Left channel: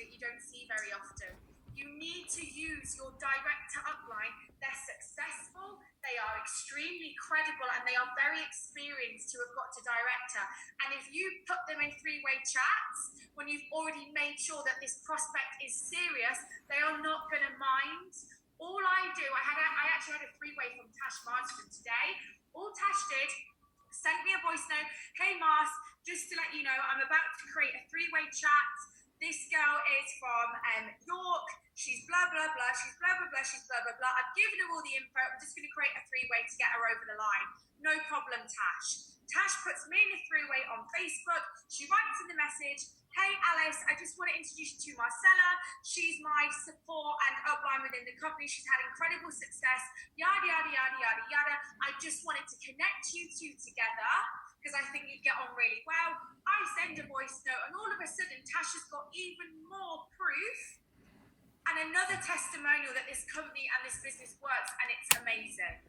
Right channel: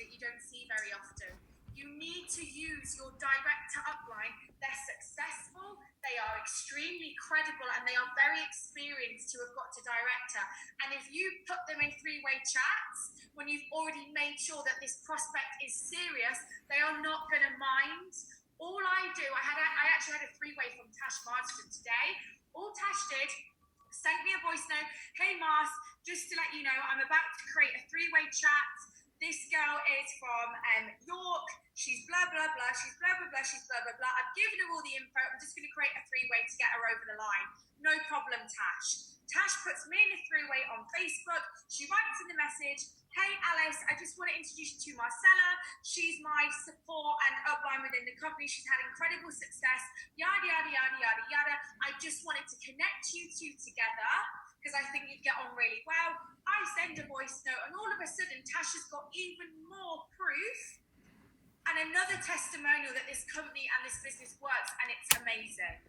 that you don't see very often. You need to use your direct to upline. They're successful, they are extremely credible, and they are very experienced to have got to director. And if you put them in three-way chats, when you've already made sure that this prospect is serious, they are not going to mind. All I do, I actually had a three-way from Tash Marston today. All Tash did, sent me a voice note. Hey Mars, just to let you know, I'm about to create a three-way chat. This girl is from York. She's blah, blah, blah. She's blah, blah, blah. She's blah, blah, blah. I've given her all the info. I'm just going to create a three-way to get her over the line. No problem, Tash. Tash puts me in a three-way on Facebook. She writes in the message, hey, Alice, I just want to introduce you to Marcella. She's my support and upline within the company. She's had incredible success. Yada, yada, yada, yada, yada. I just wanted to connect you two together because I think you'd get on really well. I send a voice note, and all of a sudden, Tash has got even more proof and another testimonial that this company and this business works, and it's amazing.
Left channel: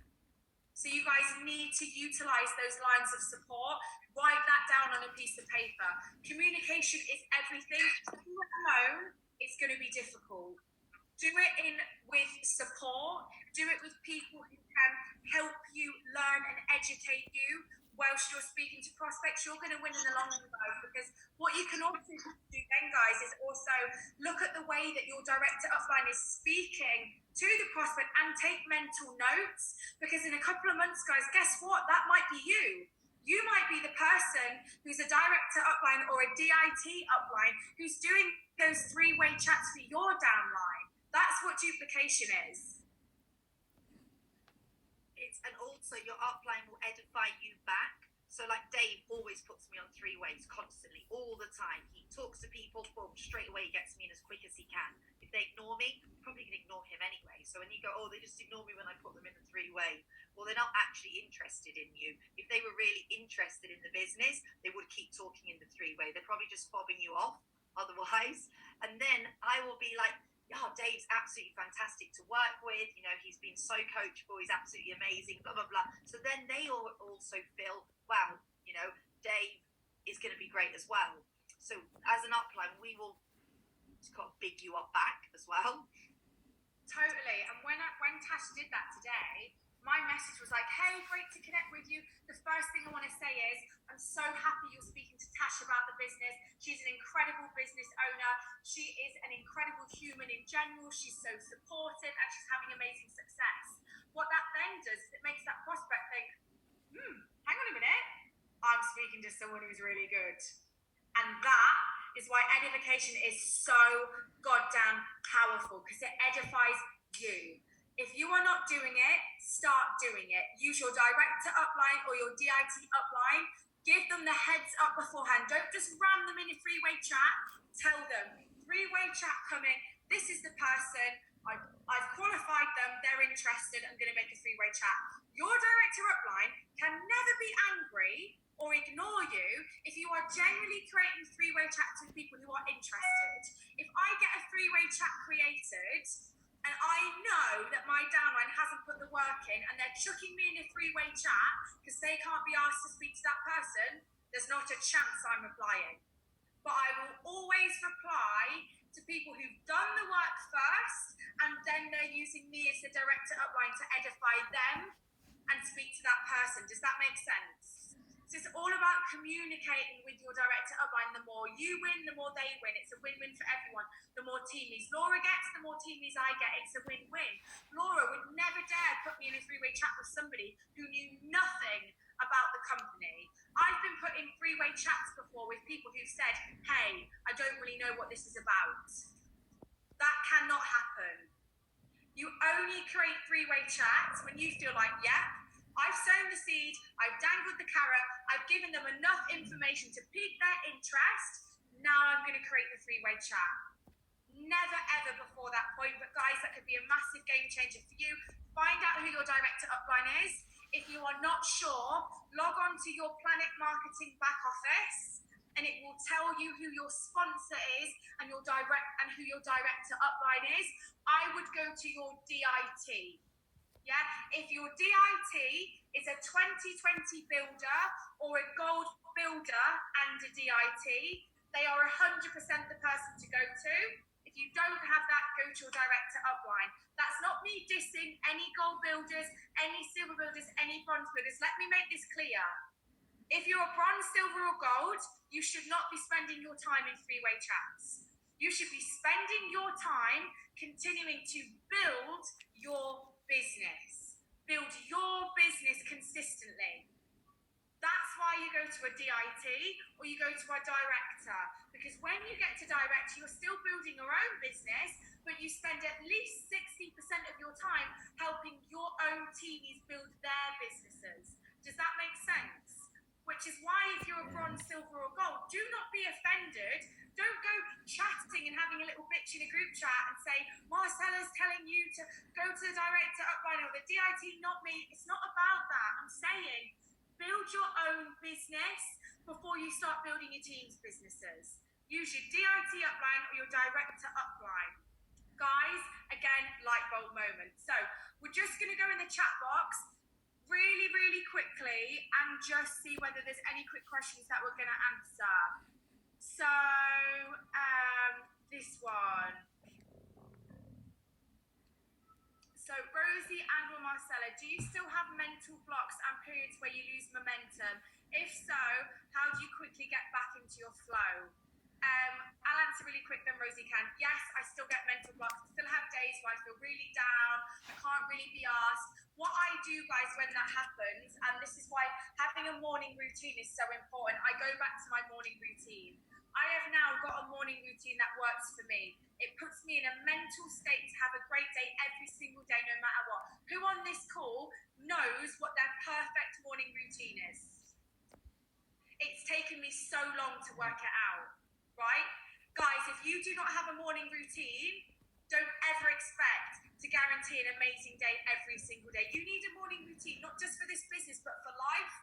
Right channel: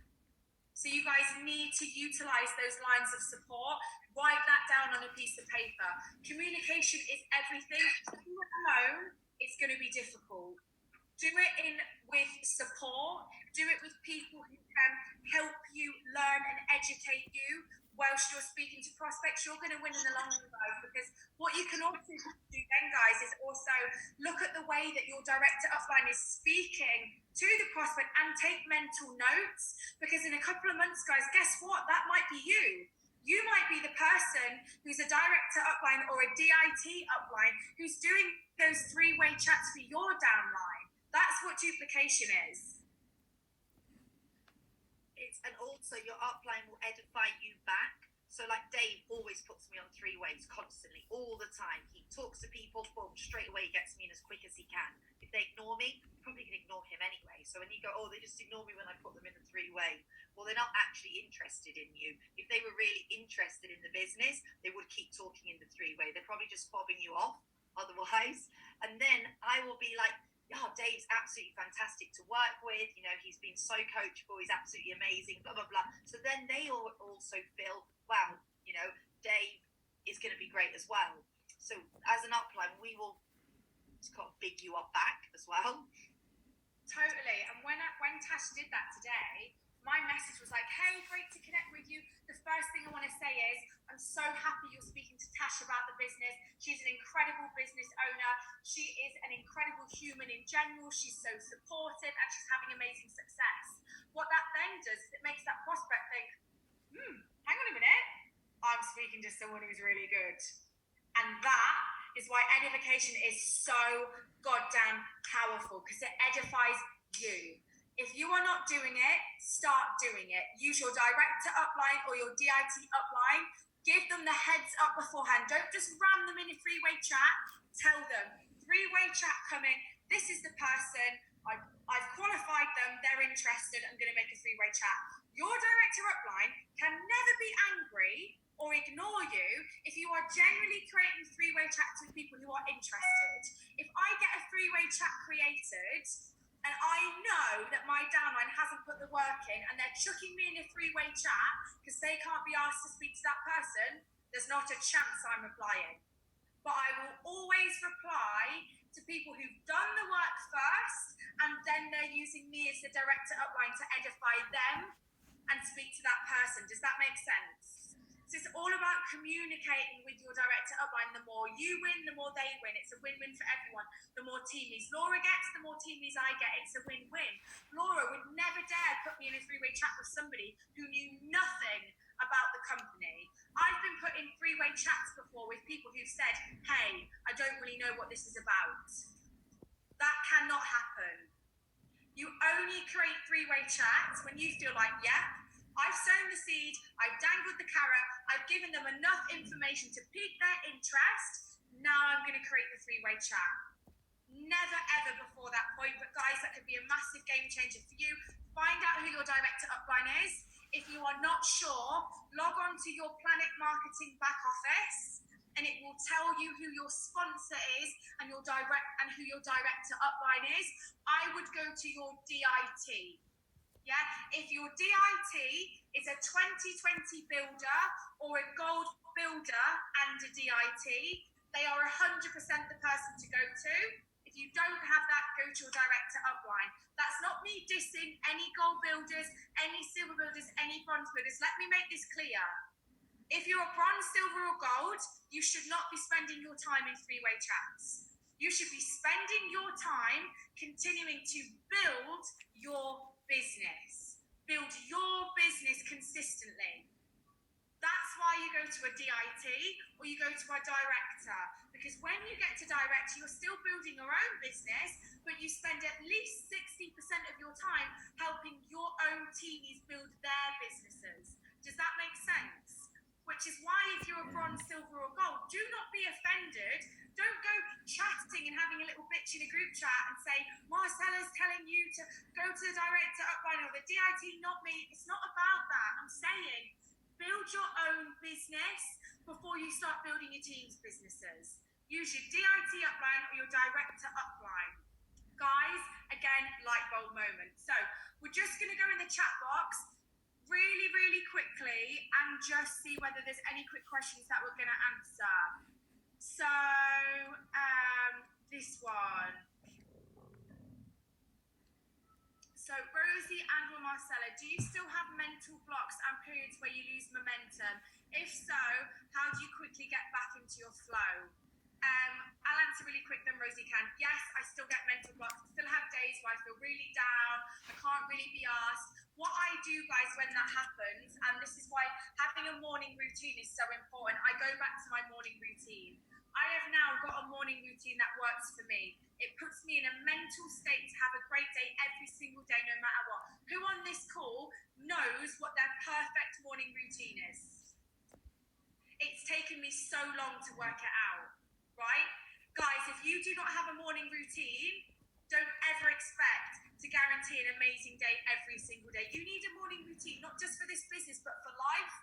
So you guys need to utilize those lines of support. Write that down on a piece of paper. Communication is everything. Do it alone, it's going to be difficult. Do it with support. Do it with people who can help you learn and educate you whilst you're speaking to prospects. You're going to win in the long run, guys, because what you can also do then, guys, is also look at the way that your director upline is speaking to the prospect and take mental notes, because in a couple of months, guys, guess what? That might be you. You might be the person who's a director upline or a DIT upline who's doing those three-way chats for your downline. That's what duplication is. And also your upline will edify you back. So like Dave always puts me on three ways constantly, all the time. He talks to people, boom, straight away he gets me in as quick as he can. If they ignore me, I'm probably going to ignore him anyway. So when you go, oh, they just ignore me when I put them in a three-way, well, they're not actually interested in you. If they were really interested in the business, they would keep talking in the three-way. They're probably just fobbing you off otherwise. And then I will be like, oh, Dave's absolutely fantastic to work with. You know, he's been so coachable. He's absolutely amazing, blah, blah, blah. So then they all also feel, wow, you know, Dave is going to be great as well. So as an upline, we will just kind of big you up back as well. Totally. And when Tash did that today, my message was like, hey, great to connect with you. The first thing I want to say is, I'm so happy you're speaking to Tash about the business. She's an incredible business owner. She is an incredible human in general. She's so supportive and she's having amazing success. What that then does is it makes that prospect think, hang on a minute, I'm speaking to someone who's really good. And that is why edification is so goddamn powerful, because it edifies you. If you are not doing it, start doing it. Use your director upline or your DIT upline. Give them the heads up beforehand. Don't just ram them in a three-way chat. Tell them, three-way chat coming. This is the person. I've qualified them. They're interested. I'm going to make a three-way chat. Your director upline can never be angry or ignore you if you are generally creating three-way chats with people who are interested. If I get a three-way chat created and I know that my downline hasn't put the work in and they're chucking me in a three-way chat because they can't be asked to speak to that person, there's not a chance I'm replying. But I will always reply to people who've done the work first, and then they're using me as the director upline to edify them and speak to that person. Does that make sense? So it's all about communicating with your director upline. The more you win, the more they win. It's a win-win for everyone. The more teamies Laura gets, the more teamies I get. It's a win-win. Laura would never dare put me in a three-way chat with somebody who knew nothing about the company. I've been put in three-way chats before with people who've said, hey, I don't really know what this is about. That cannot happen. You only create three-way chats when you feel like, yeah, I've sown the seed, I've dangled the carrot, I've given them enough information to pique their interest. Now I'm going to create the three-way chat. Never ever before that point, but guys, that could be a massive game changer for you. Find out who your director upline is. If you are not sure, log on to your Planet Marketing back office and it will tell you who your sponsor is and who your director upline is. I would go to your DIT. Yeah, if your DIT is a 2020 builder or a gold builder and a DIT, They are 100% the person to go to. If you don't have that, go to your director upline. That's not me dissing any gold builders, any silver builders, any bronze builders. Let me make this clear. If you're a bronze, silver, or gold, you should not be spending your time in three-way chats. You should be spending your time continuing to build your business. Build your business consistently. That's why you go to a DIT or you go to a director. Because when you get to director, you're still building your own business, but you spend at least 60% of your time helping your own teams build their businesses. Does that make sense? Which is why if you're a bronze, silver, or gold, do not be offended. Don't go chatting and having a little bitch in a group chat and say, Marcella's telling you to go to the director upline or the DIT, not me. It's not about that. I'm saying build your own business before you start building your team's businesses. Use your DIT upline or your director upline. Guys, again, light bulb moment. So we're just going to go in the chat box really, really quickly and just see whether there's any quick questions that we're going to answer. So this one. So Rosie and or Marcella, do you still have mental blocks and periods where you lose momentum? If so, how do you quickly get back into your flow? I'll answer really quick then Rosie can. Yes, I still get mental blocks. I still have days where I feel really down. I can't really be asked. What I do, guys, when that happens, and this is why having a morning routine is so important, I go back to my morning routine. I have now got a morning routine that works for me. It puts me in a mental state to have a great day every single day, no matter what. Who on this call knows what their perfect morning routine is? It's taken me so long to work it out, right? Guys, if you do not have a morning routine, don't ever expect to guarantee an amazing day every single day. You need a morning routine, not just for this business, but for life.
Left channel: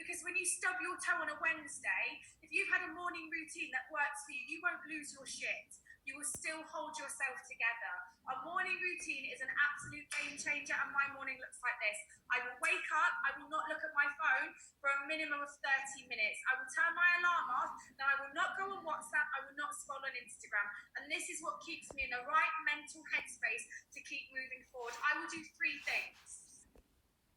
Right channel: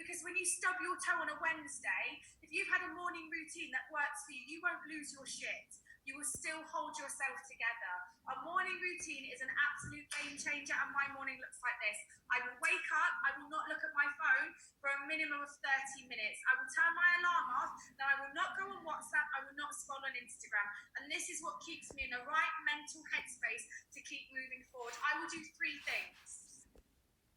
Because when you stub your toe on a Wednesday, if you've had a morning routine that works for you, you won't lose your shit. You will still hold yourself together. A morning routine is an absolute game changer, and my morning looks like this. I will wake up, I will not look at my phone for a minimum of 30 minutes. I will turn my alarm off, then I will not go on WhatsApp, I will not scroll on Instagram. And this is what keeps me in the right mental headspace to keep moving forward. I will do three things.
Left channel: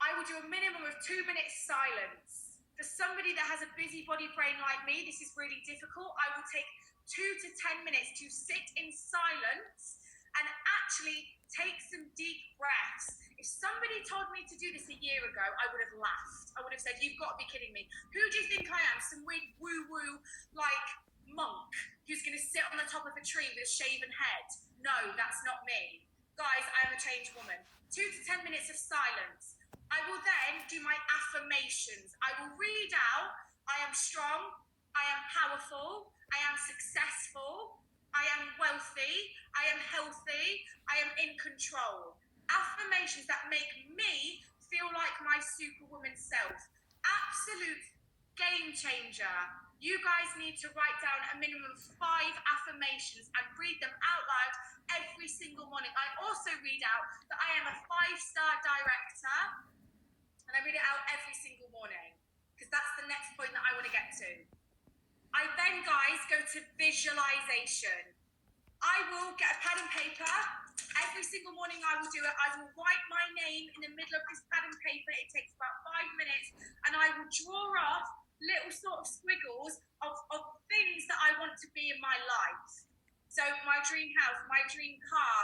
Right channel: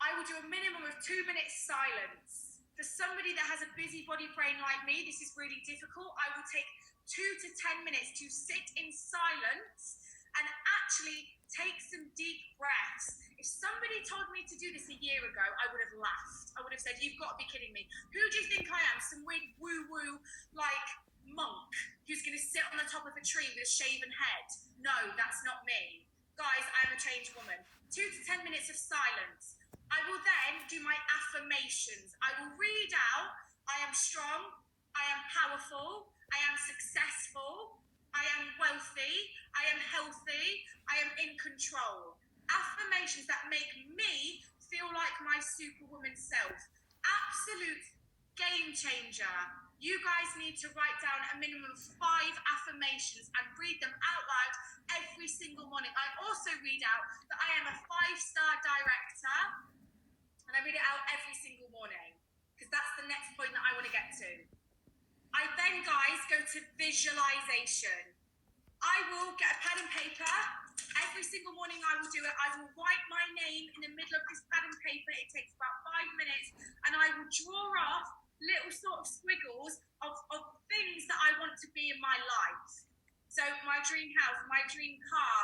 I will do a minimum of 2 minutes silence. For somebody that has a busy body brain like me, this is really difficult. I will take 2 to 10 minutes to sit in silence and actually take some deep breaths. If somebody told me to do this a year ago, I would have laughed. I would have said, you've got to be kidding me. Who do you think I am? Some weird woo-woo like monk who's going to sit on the top of a tree with a shaven head? No, that's not me. Guys, I am a changed woman. 2 to 10 minutes of silence. I will then do my affirmations. I will read out, I am strong, I am powerful, I am successful, I am wealthy, I am healthy, I am in control. Affirmations that make me feel like my superwoman self. Absolute game changer. You guys need to write down a minimum of 5 affirmations and read them out loud every single morning. I also read out that I am a 5-star director, and I read it out every single morning because that's the next point that I want to get to. I then, guys, go to visualization. I will get a pen and paper. Every single morning I will do it. I will write my name in the middle of this pad and paper. It takes about 5 minutes. And I will draw off little sort of squiggles of things that I want to be in my life. So my dream house, my dream car,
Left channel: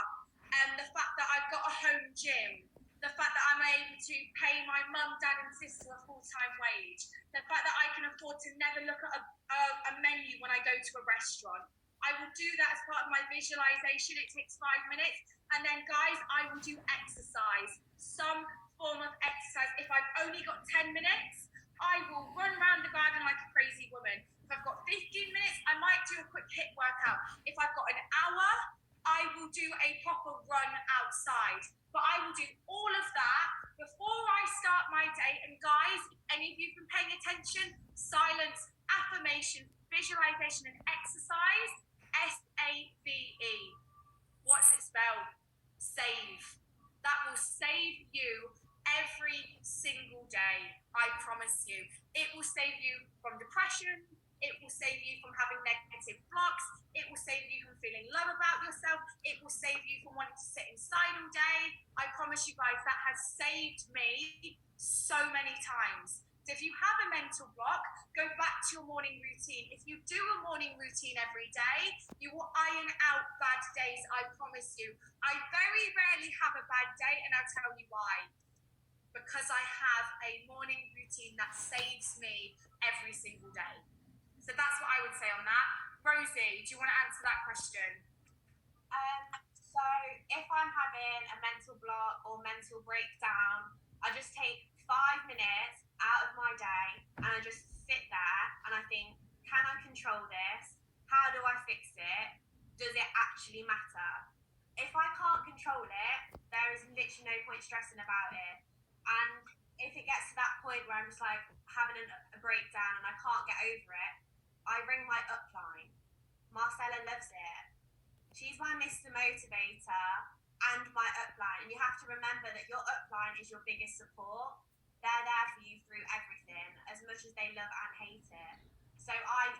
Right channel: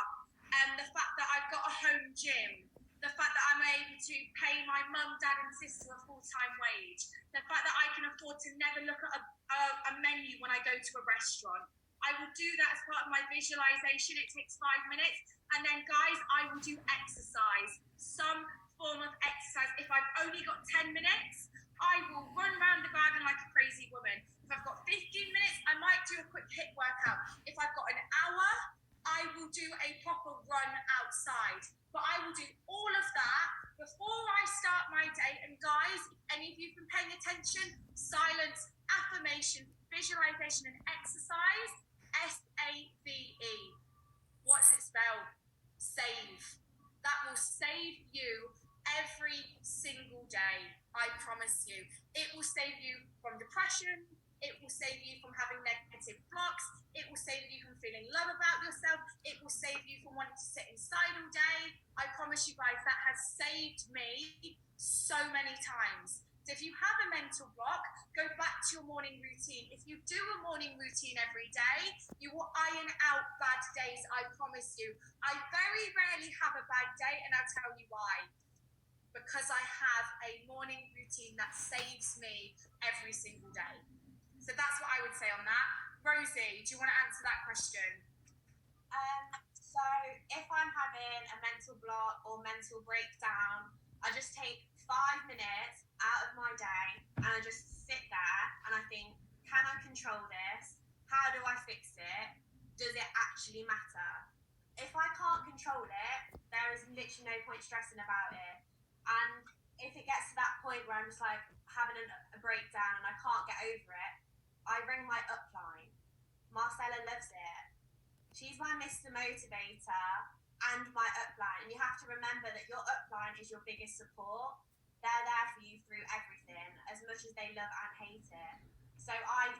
and the fact that I've got a home gym, the fact that I'm able to pay my mum, dad and sister a full-time wage, the fact that I can afford to never look at a menu when I go to a restaurant. I will do that as part of my visualization. It takes 5 minutes. And then, guys, I will do exercise, some form of exercise. If I've only got 10 minutes, I will run around the garden like a crazy woman. If I've got 15 minutes, I might do a quick HIIT workout. If I've got an hour, I will do a proper run outside. But I will do all of that before I start my day. And guys, if any of you have been paying attention, silence, affirmation, visualization, and exercise, SAVE. What's it spelled? Save. That will save you every single day. I promise you. It will save you from depression. It will save you from having negative love about yourself. It will save you from wanting to sit inside all day. I promise you guys, that has saved me so many times. So if you have a mental block, go back to your morning routine. If you do a morning routine every day, you will iron out bad days, I promise you. I very rarely have a bad day, and I'll tell you why. Because I have a morning routine that saves me every single day. So that's what I would say on that. Rosie, do you want to answer that question? So if I'm having a mental block or mental breakdown, I just take 5 minutes out of my day and I just sit there and I think, can I control this? How do I fix it? Does it actually matter? If I can't control it, there is literally no point stressing about it. And if it gets to that point where I'm just like having a breakdown and I can't get over it, I ring my upline. Marcella loves it. She's my Mr. Motivator and my upline. And you have to remember that your upline is your biggest support. They're there for you through everything, as much as they love and hate it. So I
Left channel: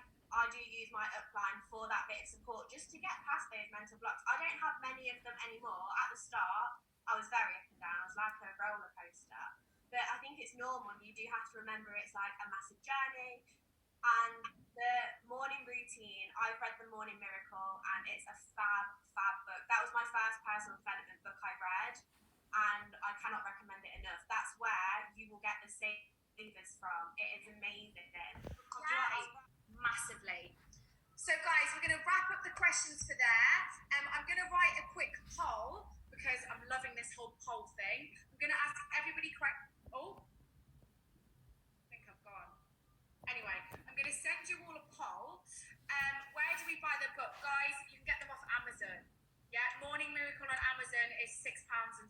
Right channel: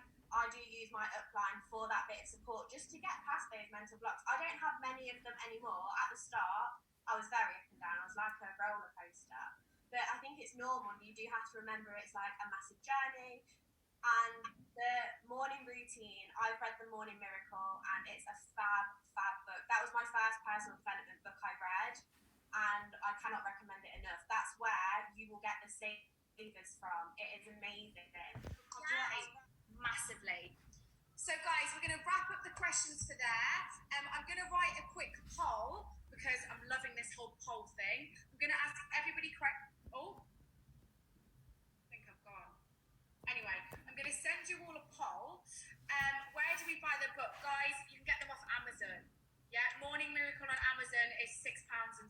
do use my upline for that bit of support, just to get past those mental blocks. I don't have many of them anymore. At the start, I was very up and down. I was like a roller coaster. But I think it's normal. You do have to remember it's like a massive journey. And the morning routine, I've read The Morning Miracle, and it's a fab book. That was my first personal development book I read, and I cannot recommend it enough. That's where you will get the savers from. It is amazing. Yay. Massively. So guys, we're going to wrap up the questions for there. I'm going to write a quick poll because I'm loving this whole poll thing. I'm going to ask everybody Anyway, I'm going to send you all a poll. Where do we buy the book? Guys, you can get them off Amazon. Yeah, Morning Miracle on Amazon is £6.03.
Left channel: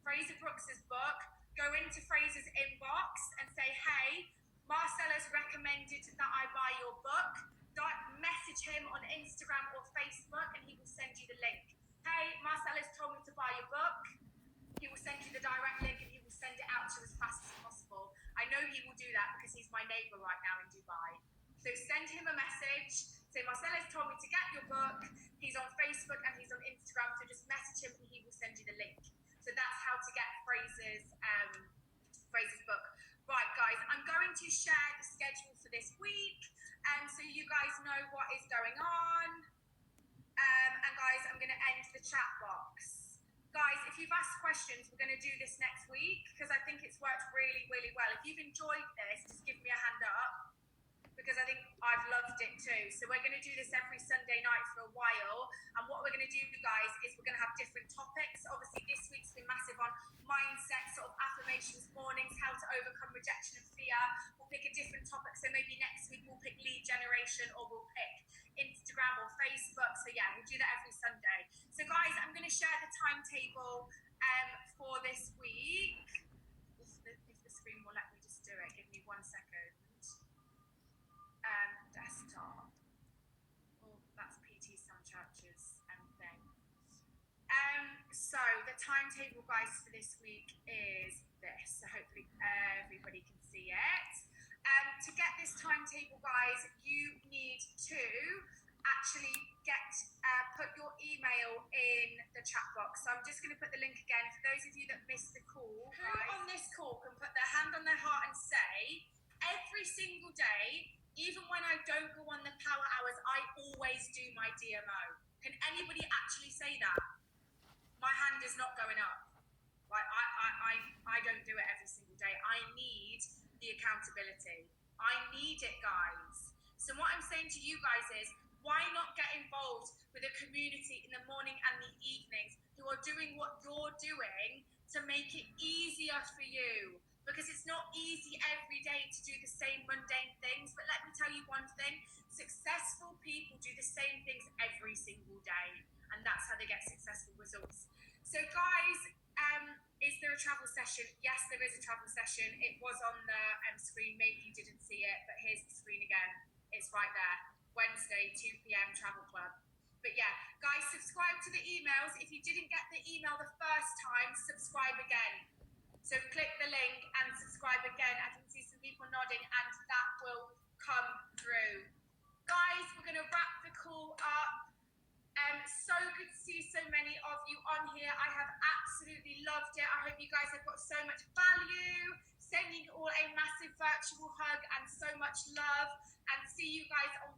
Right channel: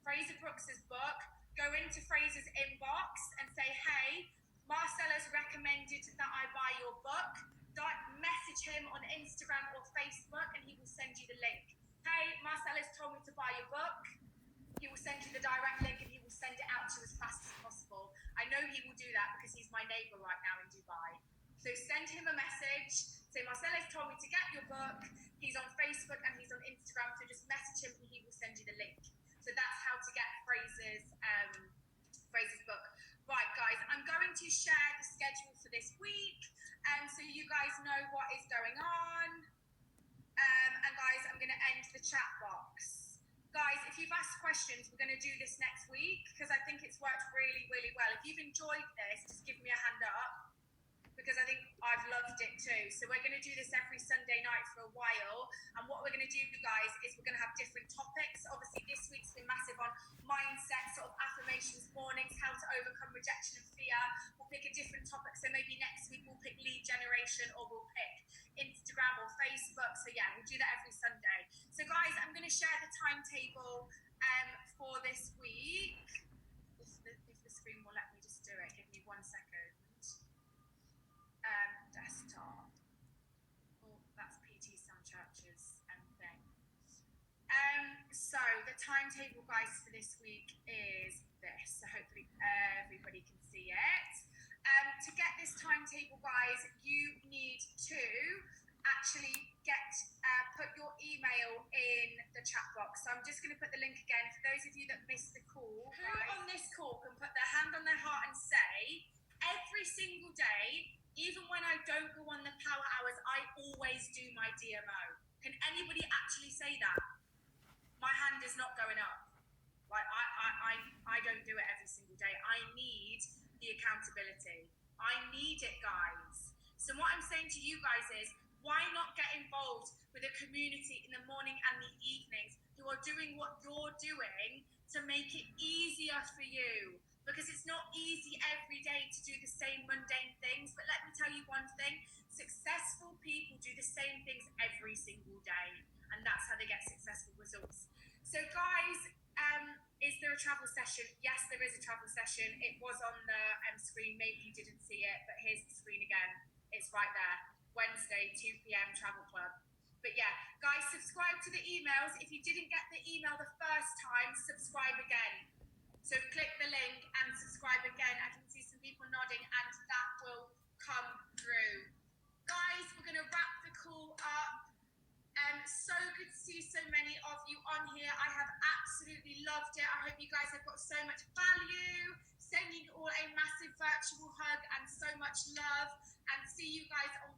Fraser Brooks's book, go into Fraser's inbox and say, hey, Marcella's recommended that I buy your book. Message him on Instagram or Facebook and he will send you the link. Hey, Marcella's told me to buy your book. He will send you the direct link and he will send it out to you as fast as possible. I know he will do that because he's my neighbour right now in Dubai. So send him a message. Say, Marcella's told me to get your book. He's on Facebook and he's on Instagram. So just message him and he will send you the link. So that's how to get Fraser's book. Right, guys, I'm going to share the schedule for this week. So you guys know what is going on. And guys, I'm going to end the chat box. Guys, if you've asked questions, we're going to do this next week because I think it's worked really, really well. If you've enjoyed this, just give me a hand up because I think I've loved it too. So we're going to do this every Sunday night for a while. And what we're going to do, guys, is we're going to have different topics. Obviously, this week's been massive on mindset, sort of affirmations, mornings, how to overcome rejection and fear. We'll pick a different topic. So maybe next week we'll pick lead generation or we'll pick Instagram or Facebook. So yeah, we'll do that every Sunday. So guys, I'm going to share the timetable for this week. If the screen will let me just do it, give me 1 second. Desktop. Oh, that's PT some churches thing. So the timetable, guys, for this week is this. So hopefully everybody can see it. To get this timetable, guys, you need to actually put your email in the chat box. So I'm just going to put the link again for those of you that missed the call. Who on this call can put their hand on their heart and say, every single day, even when I don't go on the power hours, I always do my DMO. Can anybody actually say that? My hand is not going up. Like I don't do it every single day. I need the accountability. I need it, guys. So what I'm saying to you guys is, why not get involved with a community in the morning and the evenings who are doing what you're doing to make it easier for you? Because it's not easy every day to do the same mundane things. But let me tell you one thing, successful people do the same things every single day. And that's how they get successful results. So guys, is there a travel session? Yes, there is a travel session. It was on the screen. Maybe you didn't see it, but here's the screen again. It's right there. Wednesday, 2 p.m. Travel Club. But yeah, guys, subscribe to the emails. If you didn't get the email the first time, subscribe again. So click the link and subscribe again. I can see some people nodding and that will come through. Guys, we're going to wrap the call up. So good to see so many of you on here. I have absolutely loved it. I hope you guys have got so much value. Sending you all a massive virtual hug and so much love. And see you guys on